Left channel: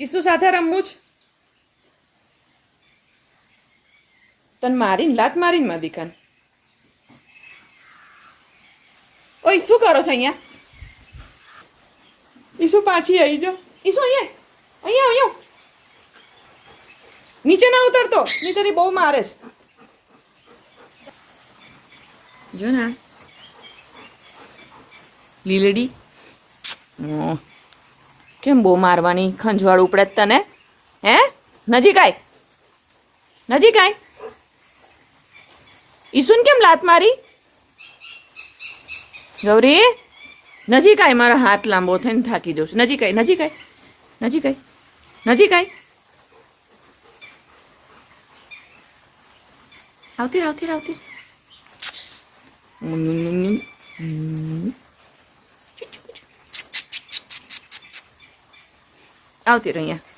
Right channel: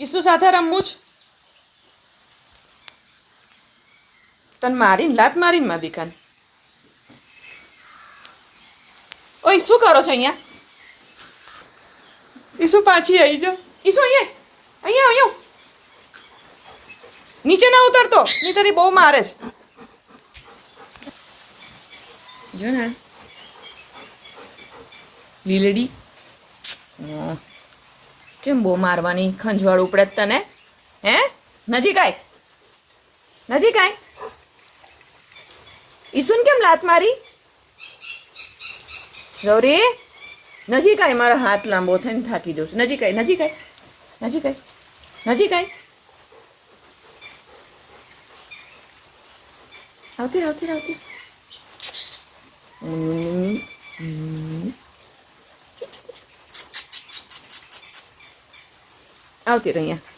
કિસ્સુ સાથે રમવું જ તને મારીને લાત મારીને માં દીકાને. ઓય શું કરો છો અહીંયા? ઈસુ પાછી આવી જો. ઈસુ અહીંયા અહીંયા અહીંયા નીચે ના ઉતરતો ની તારી બહુ મારે છે. જો ને લીલડી કેમ બહુ મારવાની? ખંજવાળ ઉપડે જ તને? હે નજીક આય નજીક આય. ઈસુન કેમ લાત મારી? ગૌરી નજીક આય, મારા હાથ લાંબો થઈને થાકી જઉં છું. નજીક આય નજીક આય નજીક આય નજીક આય. આવતી આવતી આવતી આવતી રહી અહીંયા.